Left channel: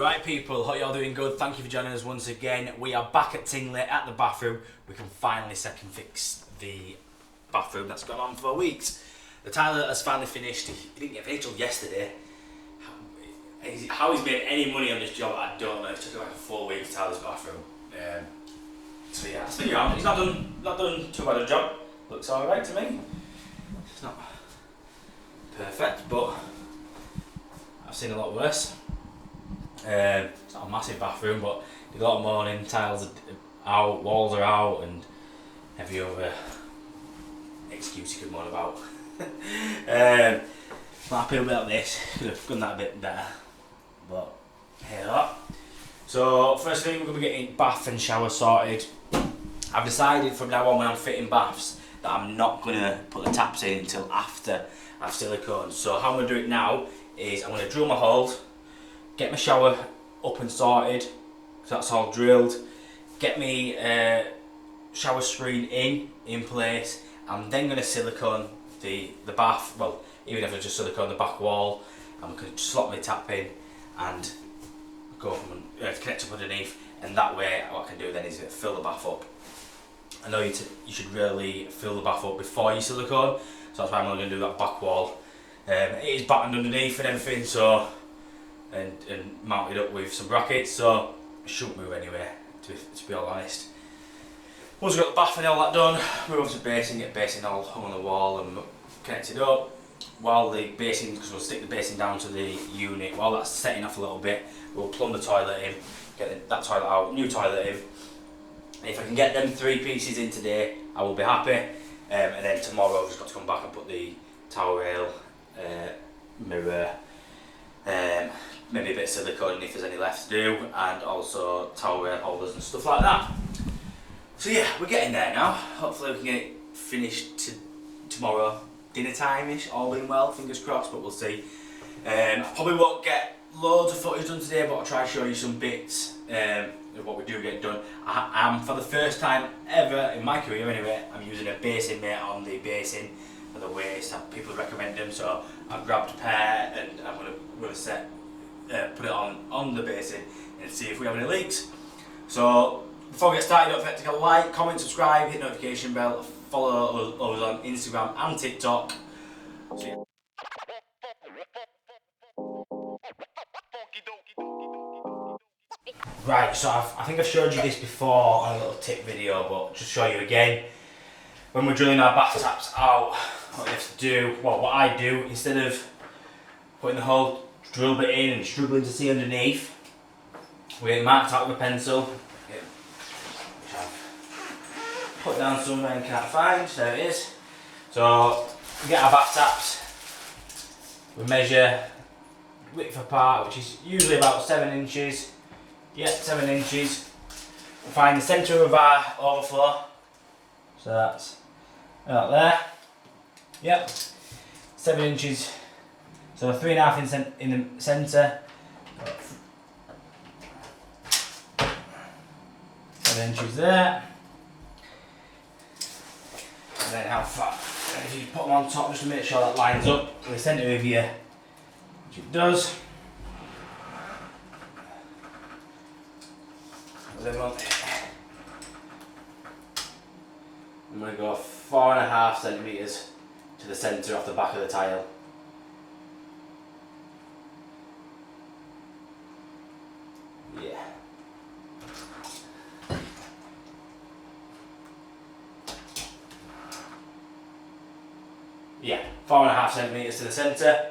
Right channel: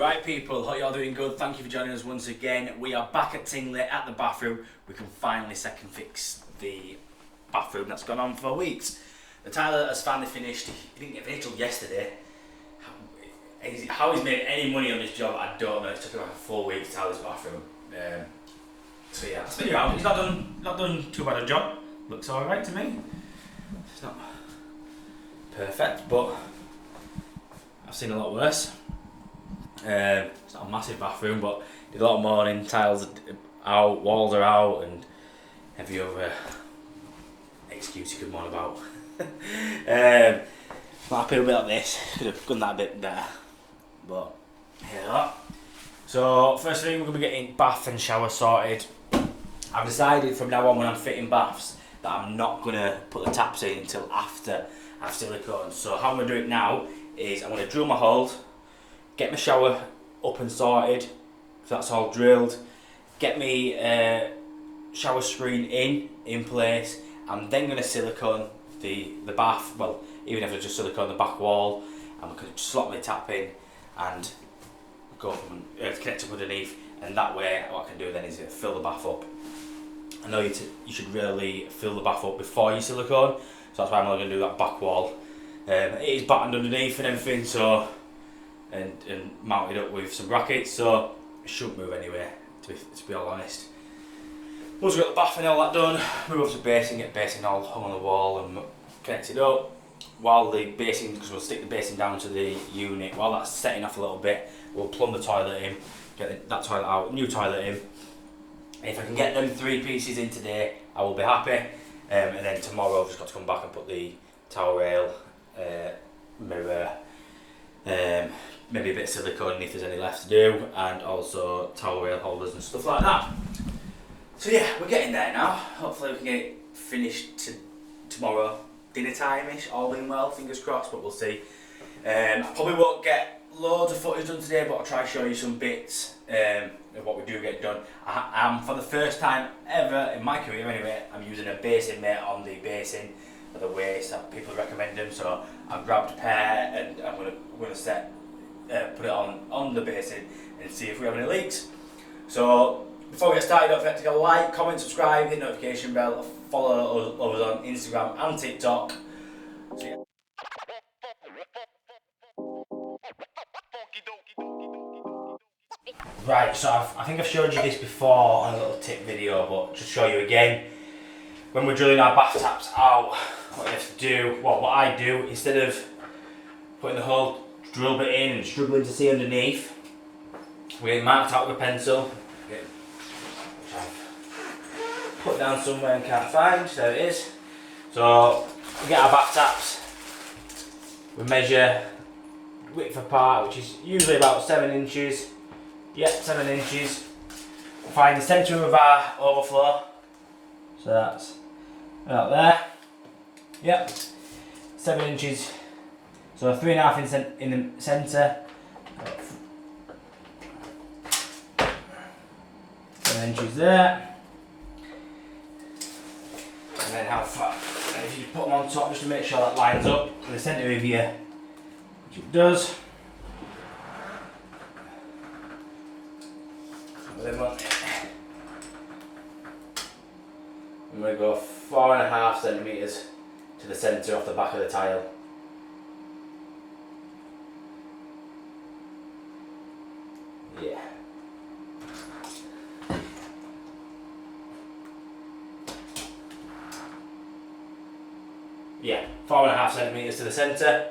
Right people, hope you're doing good. Thank you for joining us once again. We are back at Tingley at the bathroom. We can finally second fix the bathroom that's gone on for weeks. The tiler has finally finished. He didn't get finished till yesterday. How he's made any money on this job, I don't know. It took him like 4 weeks to tile this bathroom. So yeah, it's been around. He's not done too bad a job. Looks alright to me. It's not perfect, but I've seen a lot worse. It's not a massive bathroom, but did a lot of morning, tiles are out, walls are out, and every other excuse you could moan about. Not happy with this, could have done that a bit better, but here we are. So first thing, we're going to be getting bath and shower sorted. I've decided from now on when I'm fitting baths that I'm not going to put the taps in until after I've siliconed. So how I'm going to do it now is I'm going to drill my holes, get my shower up and sorted, so that's all drilled, get me shower screen in place. I'm then going to silicone the bath, well, even if I just silicone the back wall, I'm going to slot my tap in and go from connect up underneath, and that way what I can do then is fill the bath up. I know you should really fill the bath up before you silicone, so that's why I'm only going to do that back wall. It is battened underneath and everything, so and mounted up with some brackets, so it shouldn't move anyway, to be all honest. Once we've got the bath and all that done, move up to basin, get basin all hung on the wall and connected up. While the basin, because we'll stick the basin down to the unit, while that's setting off a little bit, we'll plumb the toilet in, get that toilet out, new toilet in. If I can get them 3 pieces in today, I will be happy. And then tomorrow I've just got to come back and put the towel rail, mirror, maybe a bit of silicone if there's any left to do, and also towel rail holders and stuff like that. So yeah, we're getting there now. Hopefully we can get it finished tomorrow, dinner time-ish, all being well, fingers crossed, but we'll see. I probably won't get loads of footage done today, but I'll try and show you some bits of what we do get done. I'm, for the first time ever in my career anyway, I'm using a basin mate on the basin for the waste. People recommend them, so I've grabbed a pair and I'm gonna put it on the basin and see if we have any leaks. So before we get started, don't forget to like, comment, subscribe, hit notification bell, follow us on Instagram and TikTok. So, yeah. Right, so I think I've showed you this before on a little tip video, but just show you again. When we're drilling our bath taps out, what you have to do, well, what I do, instead of putting the whole drill bit in and struggling to see underneath, we get marked out with a pencil, which I've put down somewhere and can't find. There it is. So we get our bath taps, we measure width apart, which is usually about 7 inches. Yep, 7 inches. Find the centre of our overflow, so that's about there. Yep, 7 inches. So 3.5 in the centre. 7 inches there. And then how far? And if you put them on top just to make sure that lines up with the centre of you, which it does. I'm going to go 4.5 centimetres to the centre off the back of the tile. Yeah. Yeah, 4.5 centimetres to the centre.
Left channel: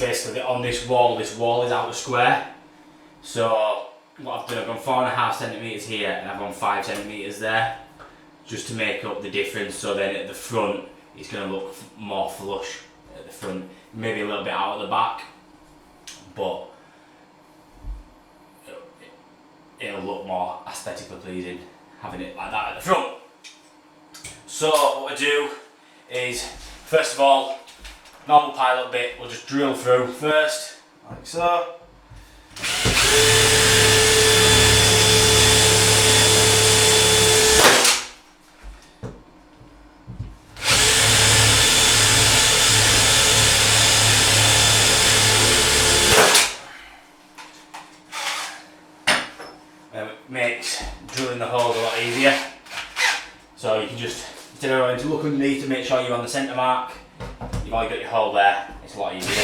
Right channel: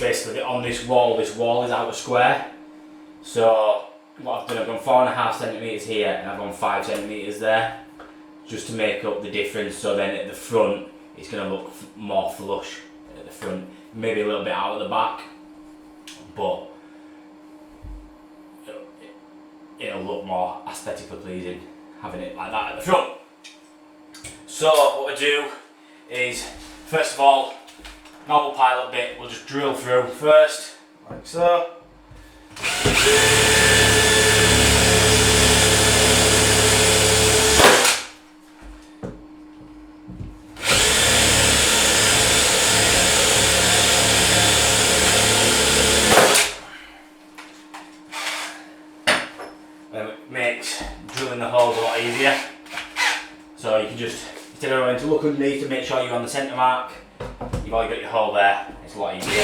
Basically on this wall is out of square, so what I've done, I've gone 4.5 centimetres here and I've gone 5 centimetres there, just to make up the difference, so then at the front it's going to look more flush at the front, maybe a little bit out at the back, but it'll look more aesthetically pleasing having it like that at the front. So what we do is, first of all, normal pilot bit, we'll just drill through first, like so. It makes drilling the holes a lot easier. So you can just, instead of having to look underneath to make sure you're on the centre mark, you've already got your hole there, it's a lot easier.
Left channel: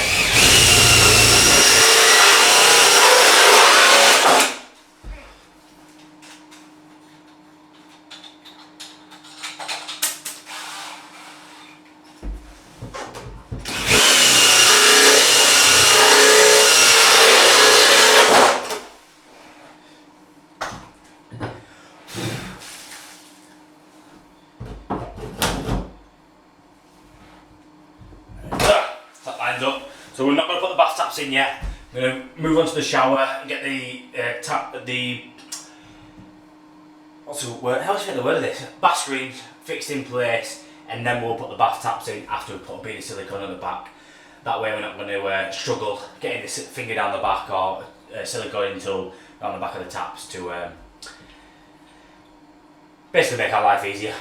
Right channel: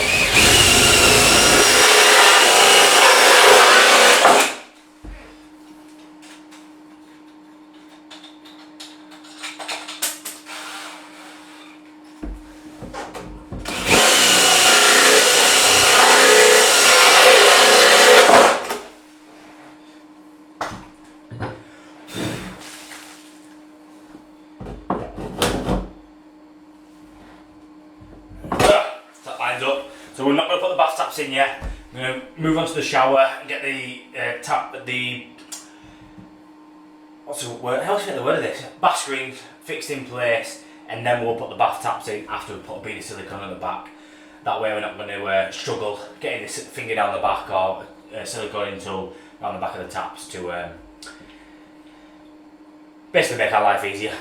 That lines up. So we're not going to put the bath taps in yet. I'm going to move on to the shower and get the what's the word? How do you get the word of this? Bath screens fixed in place, and then we'll put the bath taps in after we put a bit of silicone on the back. That way we're not going to struggle getting this finger down the back or silicone tool on the back of the taps to basically make our life easier.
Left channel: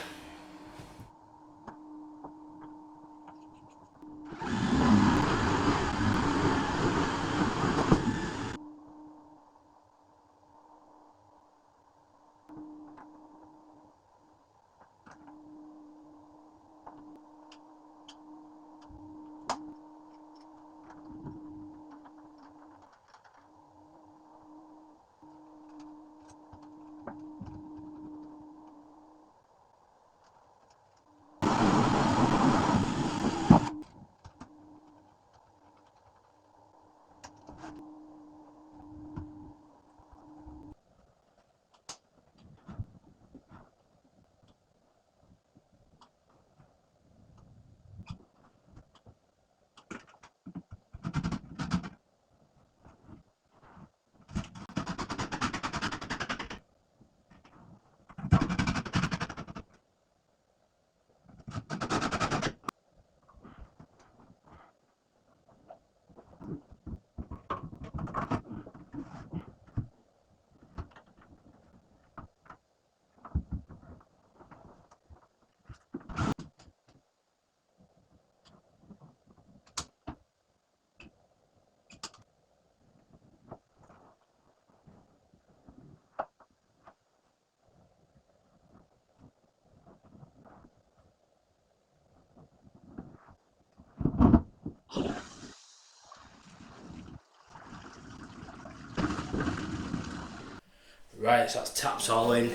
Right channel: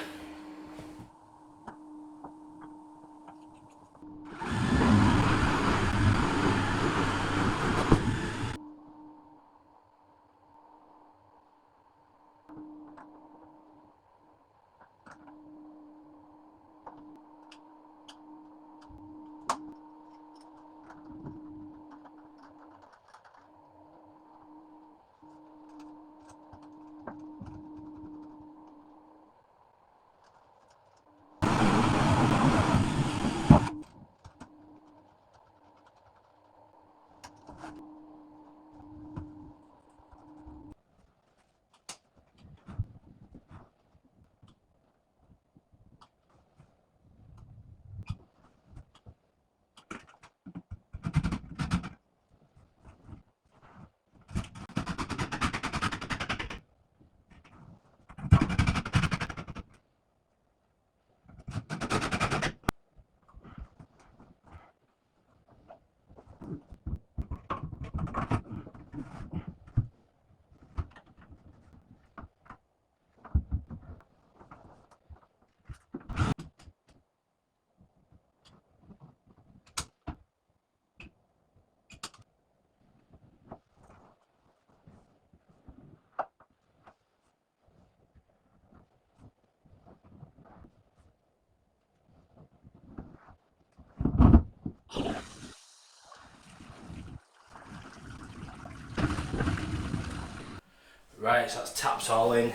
Right, so that's taps all in.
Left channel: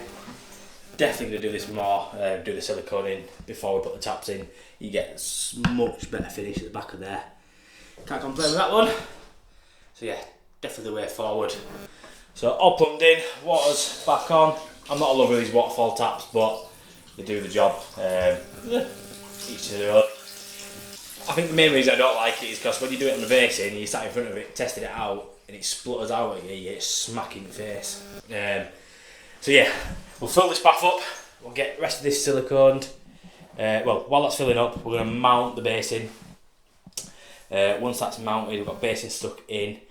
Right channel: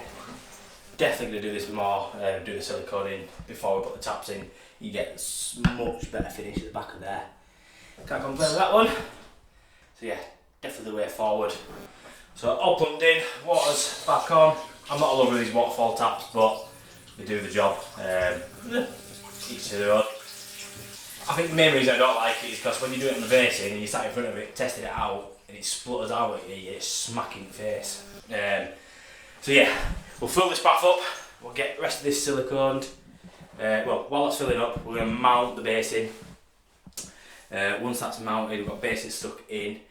Definitely going to do this more, do the silicone in before we put the taps in. You get much better finish at the back of there. Can't complain with that one. So yeah, definitely the way forward. So all plumbed in, water's back on. I'm not a lover of these waterfall taps, but they do the job. Each to their own. I think the main reason I don't like it is because when you do it on the basin and you sat in front of it, testing it out, and it splutters out at you, it's smacking in the face. So yeah, we'll fill this bath up, we'll get the rest of this siliconed. Well, while that's filling up, we're going to mount the basin. Once that's mounted, we've got basin stuck in.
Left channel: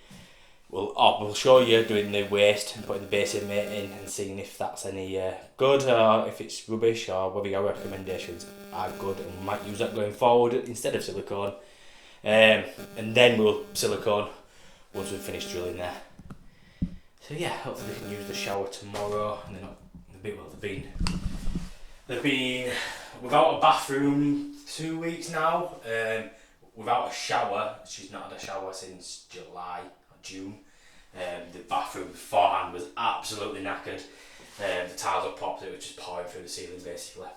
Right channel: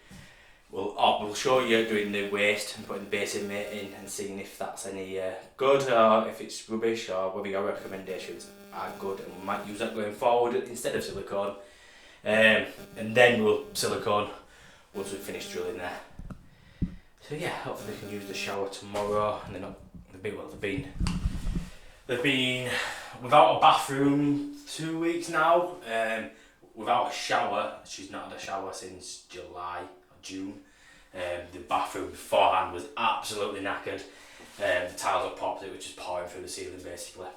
We'll show you doing the waste and putting the basin mate in and seeing if that's any good or if it's rubbish or whether your recommendations are good, and we might use that going forward instead of silicone. And then we'll silicone once we've finished drilling there. So yeah, hopefully they can use the shower tomorrow. And they've been without a bathroom 2 weeks now. Without a shower, she's not had a shower since July or June. The bathroom beforehand was absolutely knackered. The tiles had popped, it was just pouring through the ceiling basically.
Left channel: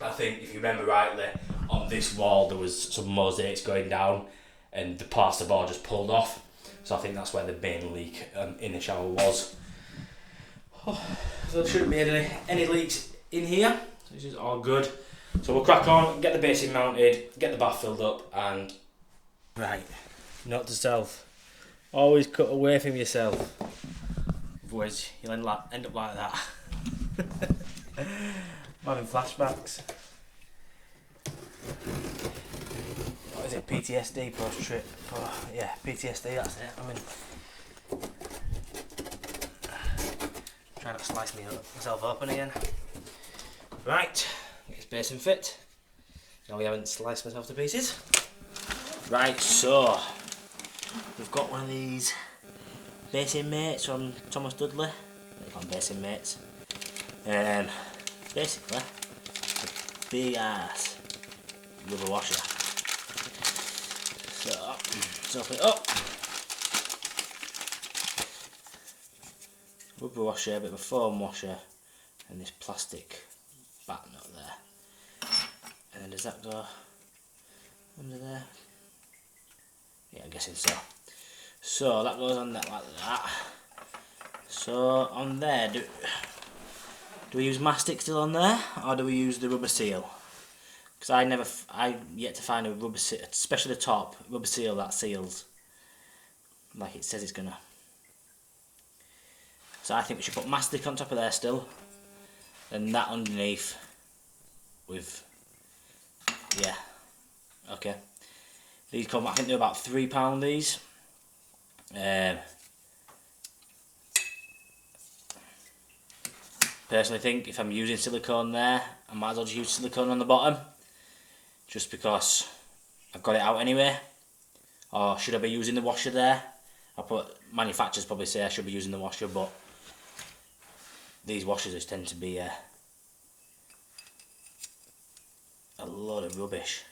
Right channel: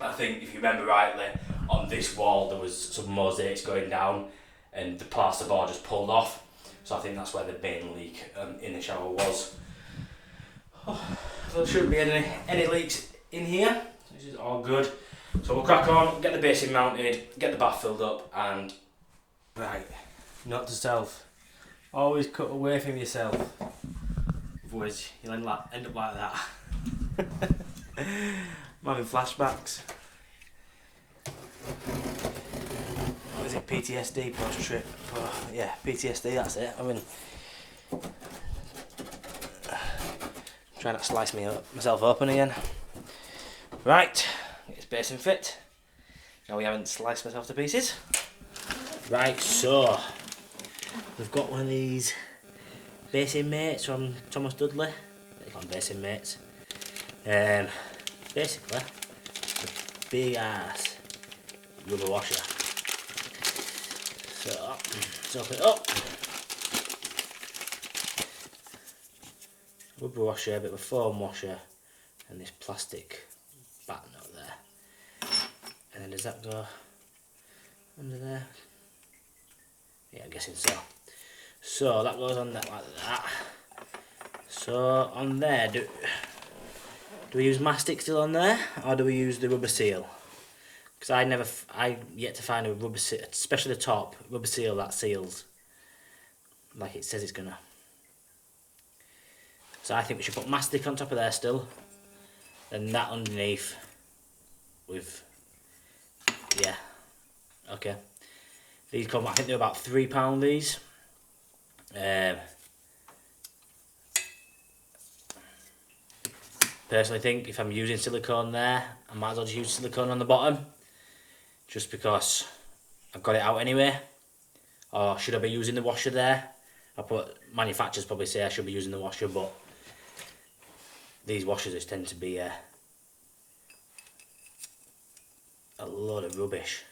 I think if you remember rightly, on this wall there was some mosaics going down and the plasterboard just pulled off. So I think that's where the main leak in the shower was. So there shouldn't be any leaks in here. This is all good. So we'll crack on, get the basin mounted, get the bath filled up, and right, note to self, always cut away from yourself. otherwise you'll end up like that. I'm having flashbacks. What is it, PTSD post trip? Oh, yeah, PTSD, that's it. I mean, try not to slice myself open again. Right, get this basin fit. Now we haven't sliced myself to pieces. Right, so we've got one of these basin mates from Thomas Dudley. They call them basin mates. Basically, a big ass rubber washer. So, let's open it up. Rubber washer, a bit of a foam washer, and this plastic back nut there. And then does that go under there? Yeah, I'm guessing so. So that goes on that like that. So on there, do we use mastic still on there, or do we use the rubber seal? Because I yet to find a rubber seal, especially the top rubber seal that seals like it says it's gonna. So I think we should put mastic on top of there still, and that underneath with, yeah, okay. These come, I think they're about £3 these. Personally think if I'm using silicone there, I might as well just use silicone on the bottom, just because I've got it out anyway. Or should I be using the washer there? Manufacturers probably say I should be using the washer, but these washers just tend to be a load of rubbish.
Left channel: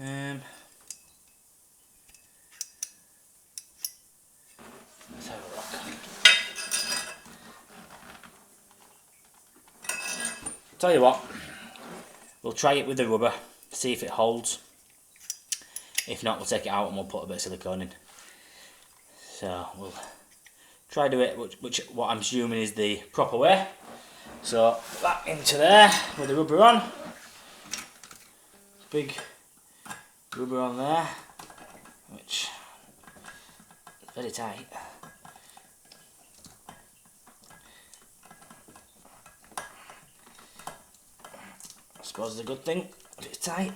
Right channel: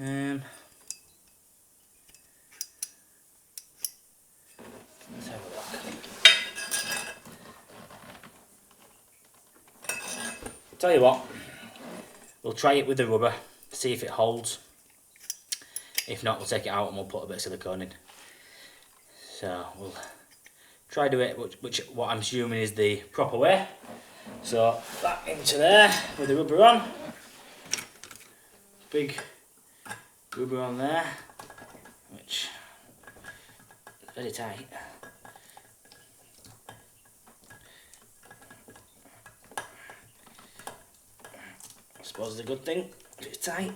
Let's have a look. Tell you what, we'll try it with the rubber, see if it holds. If not, we'll take it out and we'll put a bit of silicone in. So we'll try do it, what I'm assuming is the proper way. So back into there with the rubber on. Big rubber on there, which is very tight. I suppose it's a good thing if it's tight.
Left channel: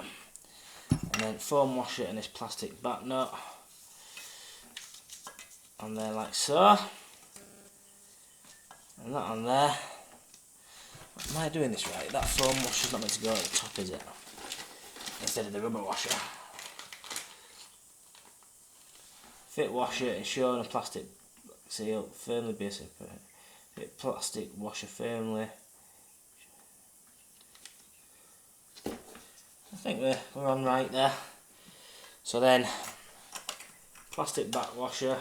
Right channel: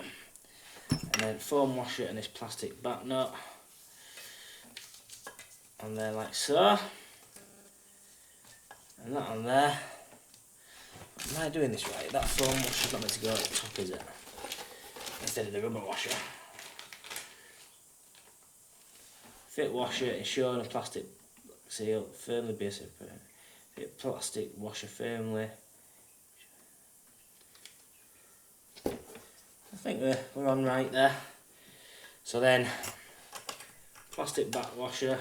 And then foam wash it in this plastic back nut on there like so, and that on there. Am I doing this right? That foam washer's not meant to go at the top, is it? Instead of the rubber washer. Fit washer ensuring a plastic seal firmly basin. Fit plastic washer firmly. I think we're on right there. So then, plastic back washer.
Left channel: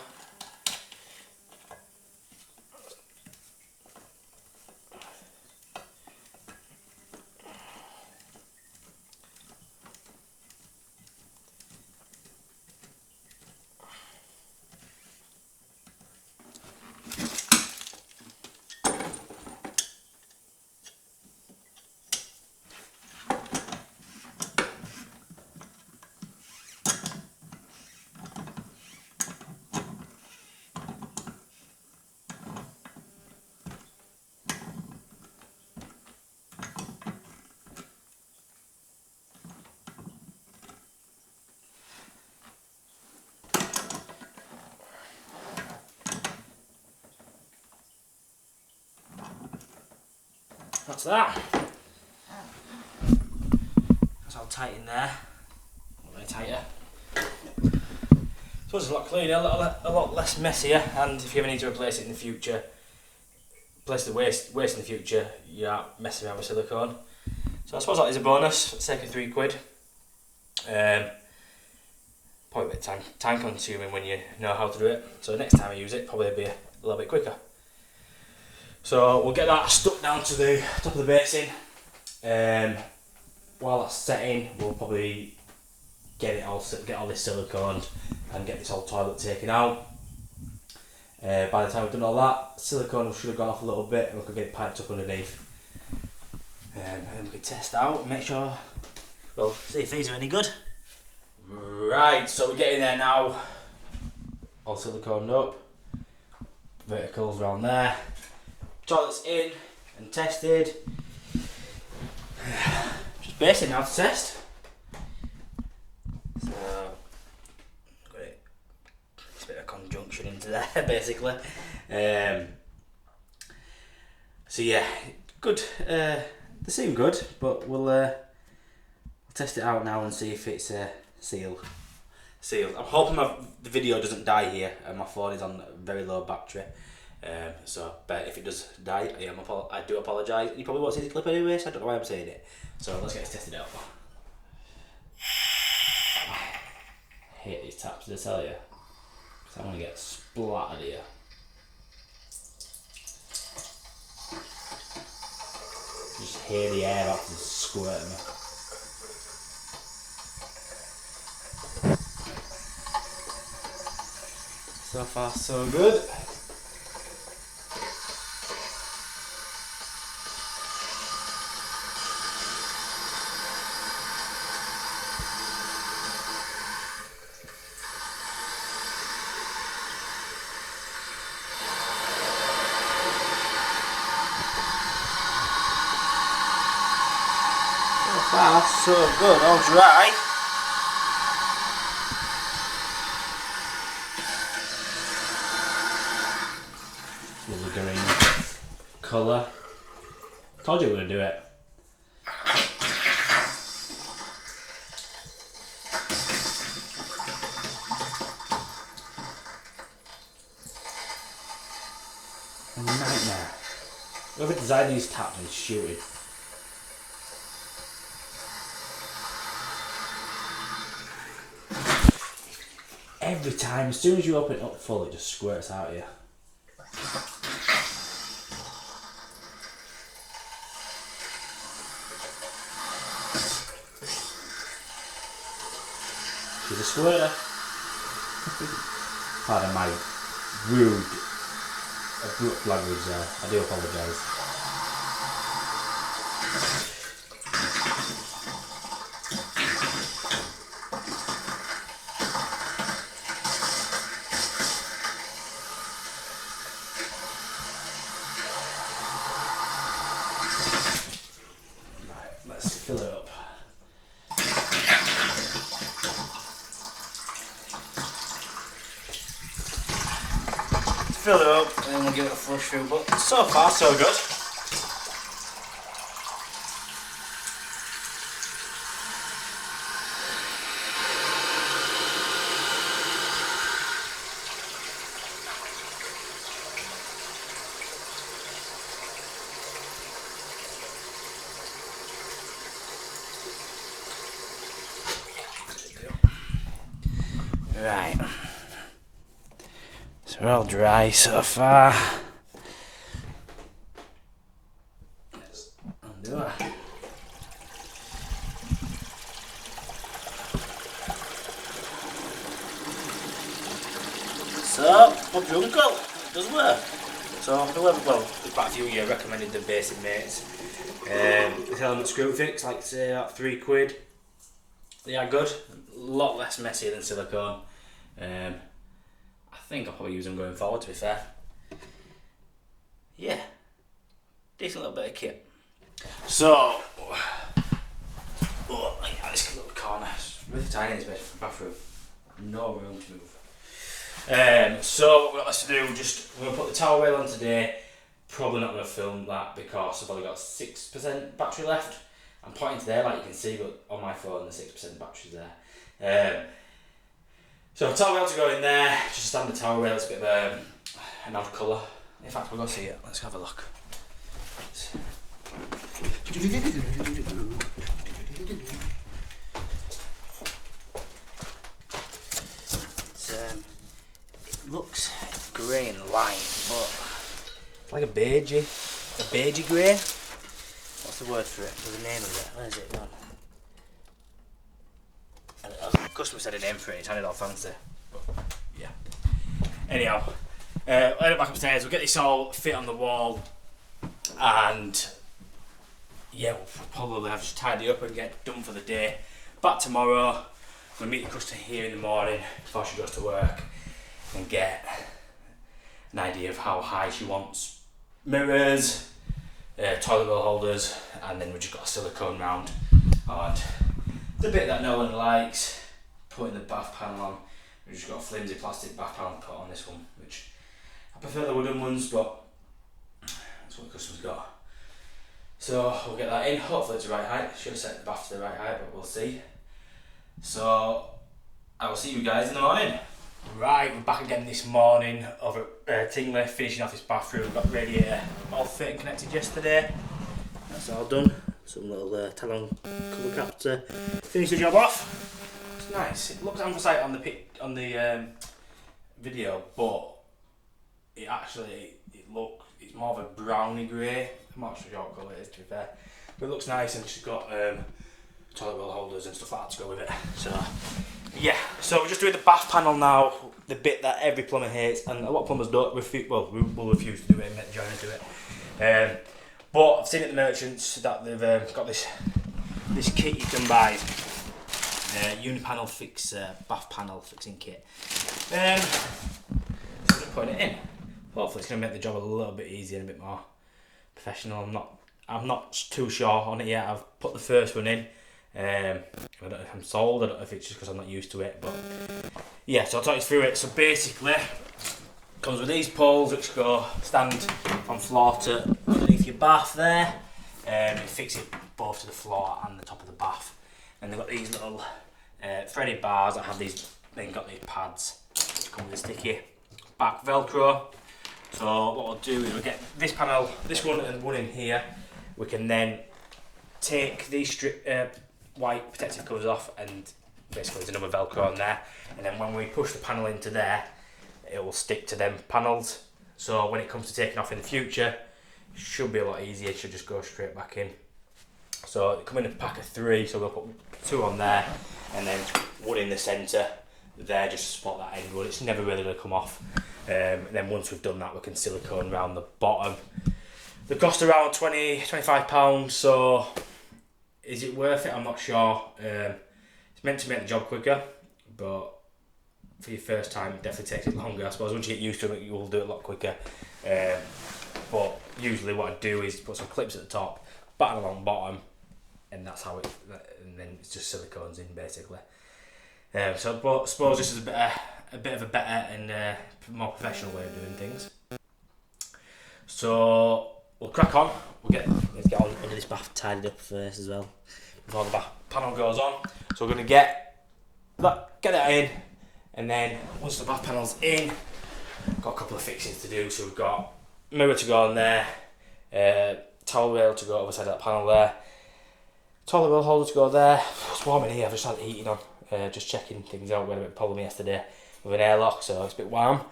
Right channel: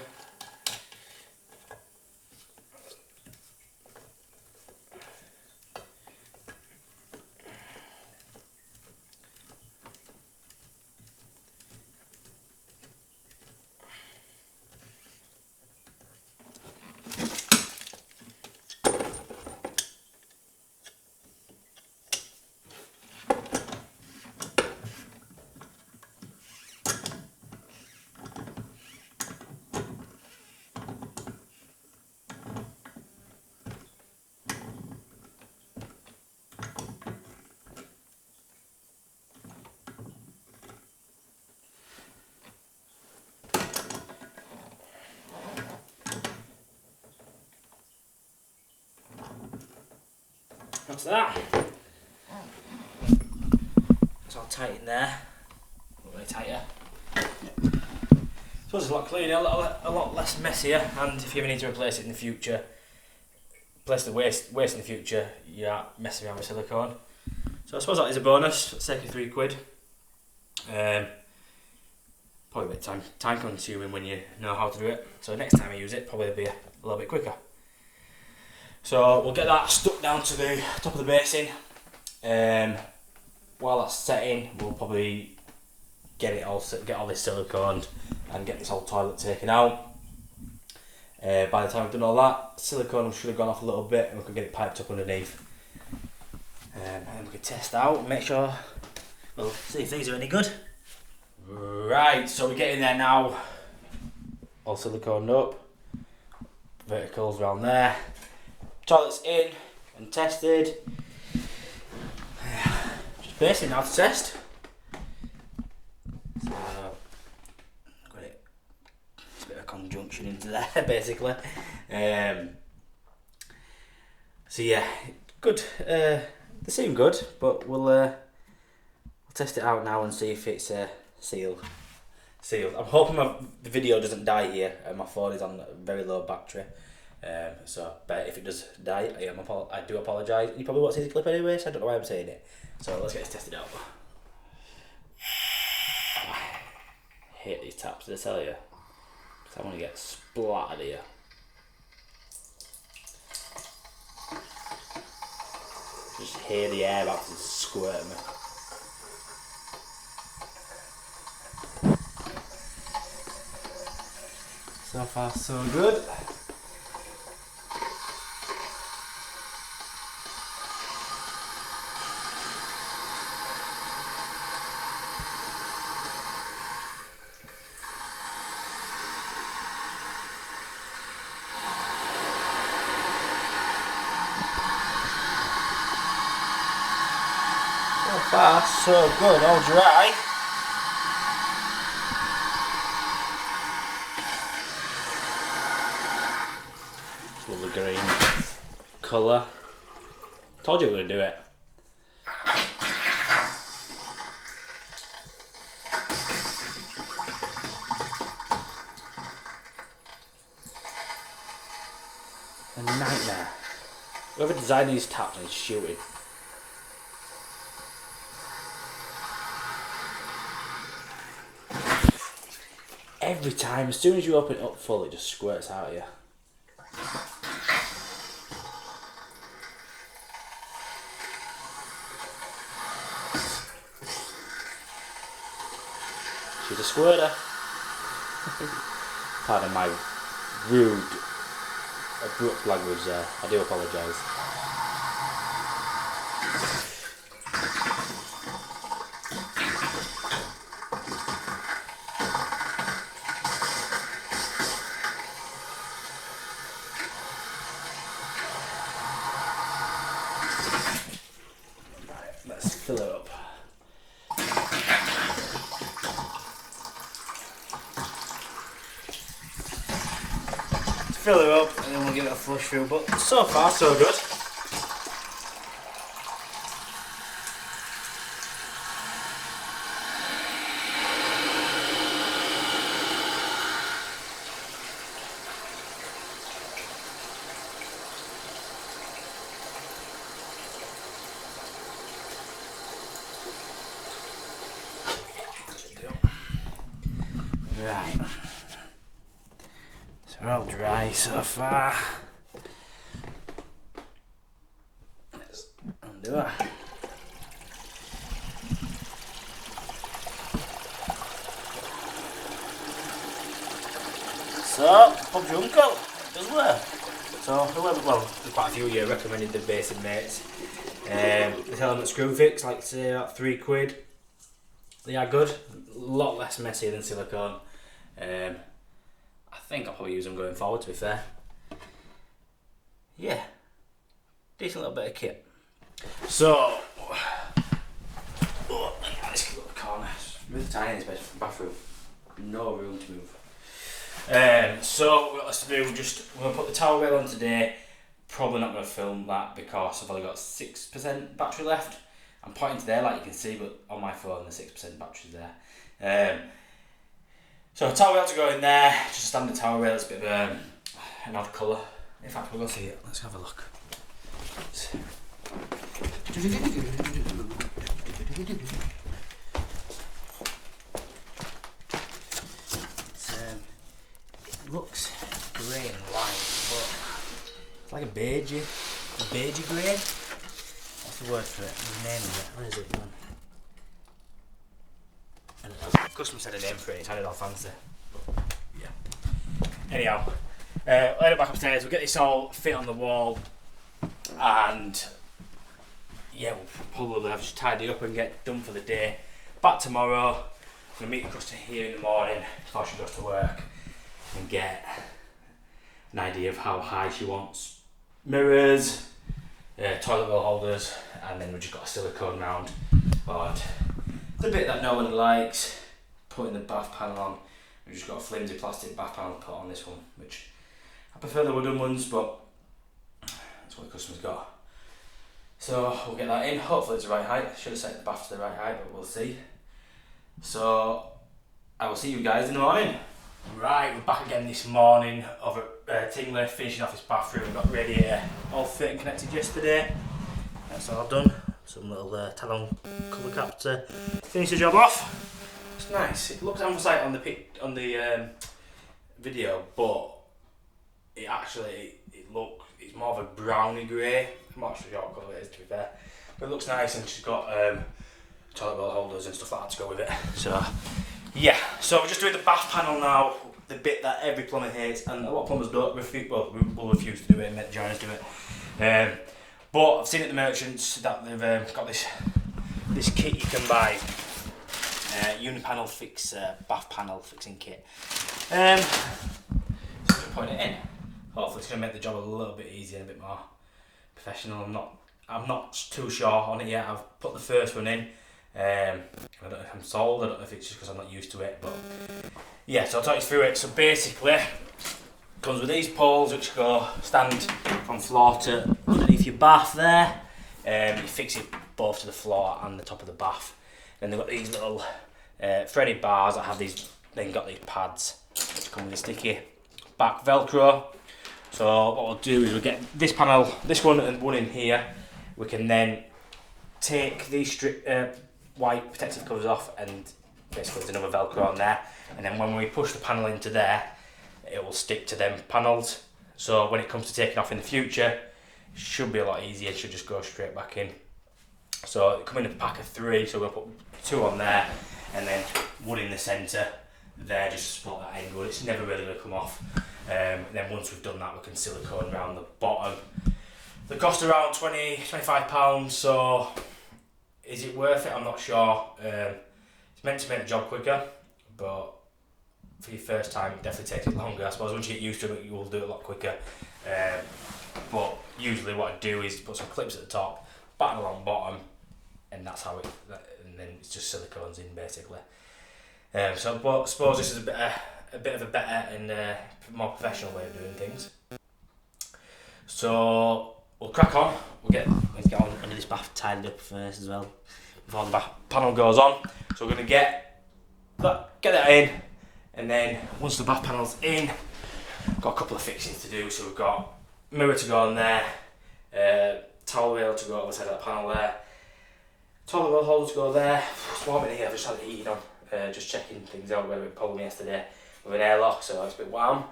That's that. That's all tight in there. A little bit tighter. So it's a lot cleaner, a lot less messier, and if you ever need to replace it in the future, replace the waste in the future, you are messing around with silicone. So I suppose that is a bonus for the sake of £3. Probably a bit time consuming when you know how to do it. So next time I use it, probably be a little bit quicker. So we'll get that stuck down to the top of the basin. While that's setting, we'll probably get all this silicone and get this whole toilet taken out. By the time we've done all that, silicone should have gone off a little bit, and we could get it piped up underneath. And we could test out, make sure, well, see if these are any good. Right, so we're getting there now. All siliconed up. Verticals around there. Toilets in and tested. Just basic now to test. So, got it. It's a bit of a conjunction into there, basically. So yeah, good. They seem good, but we'll test it out now and see if it's sealed. I'm hoping the video doesn't die here. My phone is on very low battery. But if it does die, I do apologise. You probably won't see this clip anyway, so I don't know why I'm saying it. So let's get this tested out. I hate these taps, did I tell you? Because I'm going to get splattered here. Just hear the air after squirting me. So far, so good. So far, so good. All dry. Lovely green colour. Told you we were going to do it. A nightmare. Whoever designed these taps is shooting. Every time, as soon as you open it up full, it just squirts out of you. She's a squirter. Pardon my rude, abrupt language there. I do apologise. Right, let's fill it up. Fill it up and then we'll give it a flush through, but so far so good. Right. So we're all dry so far. Let's undo that. So, Bob's your uncle, does work. So, well, quite a few of you recommended the basin mates. This element screw fix, like say about £3. They are good, a lot less messy than silicone. I think I'll probably use them going forward, to be fair. Yeah, decent little bit of kit. So, this cute little corner, it's really tiny in this bathroom, no room to move. So what else to do, I'm going to put the towel rail on today. Probably not going to film that because I've only got 6% battery left. I'm pointing to there like you can see, but on my phone the 6% battery's there. So towel rail to go in there, just a standard towel rail, it's a bit of an odd colour. In fact, we'll go see it, let's have a look. It looks grey and white, but it's like a beigey grey. What's the word for it? There's a name of it. Where is it? The customer said a name for it, it sounded all fancy. But, yeah. Anyhow, I'll head back upstairs, we'll get this all fit on the wall, and yeah, we'll probably have to tidy up and get done for the day. Back tomorrow, going to meet the customer here in the morning before she goes to work and get an idea of how high she wants mirrors, toilet bowl holders, and then we've just got a silicone round. And the bit that no one likes, putting the bath panel on. We've just got a flimsy plastic bath panel put on this one, which I prefer the wooden ones, but that's what the customer's got. So we'll get that in. Hopefully it's the right height. Should have set the bath to the right height, but we'll see. So I will see you guys in the morning. Right, we're back again this morning over at Tingley, finishing off this bathroom. Got the radiator all fit and connected yesterday. That's all done. Some little talon cover cap to finish the job off. It's nice. It looks anthracite on the video, but it's more of a browny grey. I'm not sure what colour it is, to be fair, but it looks nice, and she's got toilet bowl holders and stuff like that to go with it. So yeah, so we're just doing the bath panel now, the bit that every plumber hates, and a lot of plumbers don't will refuse to do it and make the joiners do it. But I've seen at the merchants that they've got this kit you can buy, Unipanel Fix bath panel fixing kit. So I'm just putting it in. Hopefully it's going to make the job a little bit easier and a bit more professional. I'm not too sure on it yet. I've put the first one in. I don't know if I'm sold. I don't know if it's just because I'm not used to it, but yeah. So I'll talk you through it. So basically, it comes with these poles which stand from floor to underneath your bath there. You fix it both to the floor and the top of the bath. Then they've got these little threaded bars that have these. Then got these pads which come with a sticky back Velcro. So what we'll do is we'll get this panel, this one and one in here. We can then take these white protective covers off, and basically there's another Velcro on there. And then when we push the panel into there, it will stick to them panels. So when it comes to taking off in the future, it should be a lot easier. It should just go straight back in. So it come in a pack of 3, so we'll put 2 on there, and then one in the centre there, just to support that end wood. It's never really going to come off. Then once we've done that, we can silicone around the bottom. They cost around £25, so is it worth it? I'm not sure. It's meant to make the job quicker, but for your first time it definitely takes it longer. I suppose once you get used to it, you will do it a lot quicker. But usually what I do is put some clips at the top, batten along the bottom, and that's how and then it's just silicones in basically. So but I suppose this is a bit of a better and more professional way of doing things. So we'll crack on. Let's get on under this bath tidied up first as well before the bath panel goes on. So we're going to get that in, and then once the bath panel's in, got a couple of fixings to do. So we've got mirror to go on there, towel rail to go over the side of that panel there, toilet roll holder to go there. It's warm in here. I've just had the heating on, just checking things out. We had a bit of a problem yesterday with an airlock, so it's a bit warm.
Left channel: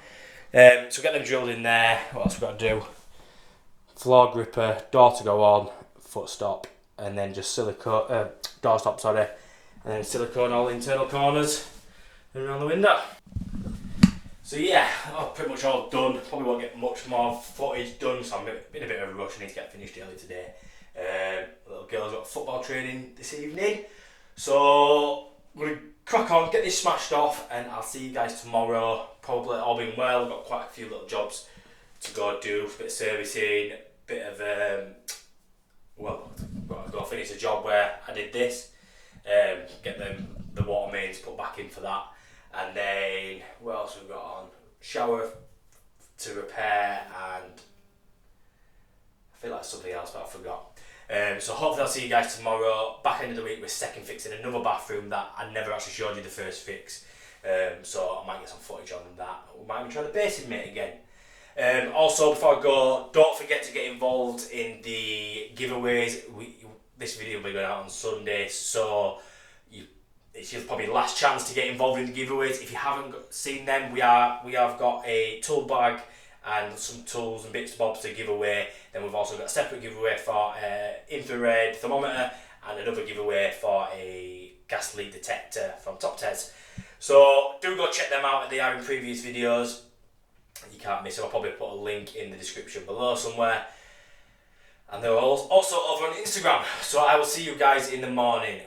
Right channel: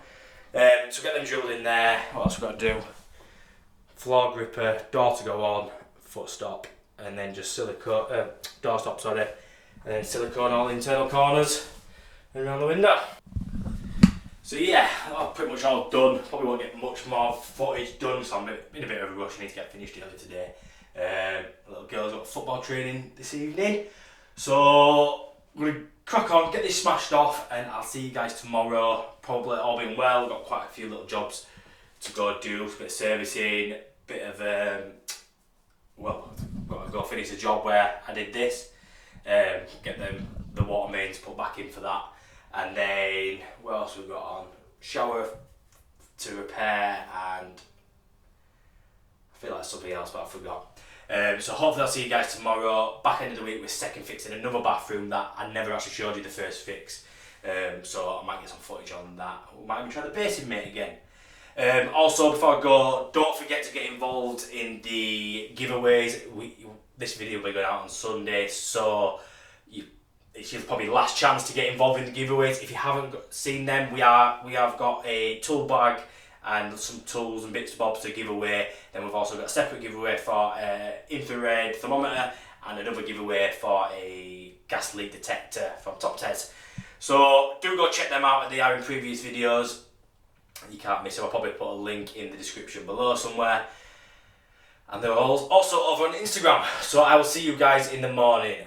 So get them drilled in there. What else we've got to do? Floor gripper, door to go on, foot stop, and then just silicone, door stop, sorry, and then silicone all the internal corners and around the window. So yeah, pretty much all done. Probably won't get much more footage done, so I'm in a bit of a rush. I need to get finished early today. Little girl's got football training this evening, so I'm going to crack on, get this smashed off, and I'll see you guys tomorrow. Probably all being well. Got quite a few little jobs to go do, a bit of servicing, bit of got to go finish the job where I did this, get the water mains put back in for that, and then what else we've got on? Shower to repair, and I feel like something else, but I forgot. So hopefully I'll see you guys tomorrow. Back end of the week, we're second fixing another bathroom that I never actually showed you the first fix. So I might get some footage on that. We might even try the basin mate again. Also, before I go, don't forget to get involved in the giveaways. This video will be going out on Sunday, so it's your probably last chance to get involved in the giveaways. If you haven't seen them, we have got a tool bag and some tools and bits and bobs to give away. Then we've also got a separate giveaway for infrared thermometer, and another giveaway for a gas leak detector from Top Tez. So do go check them out. They are in previous videos. You can't miss them. I'll probably put a link in the description below somewhere. And they're also over on Instagram. So I will see you guys in the morning.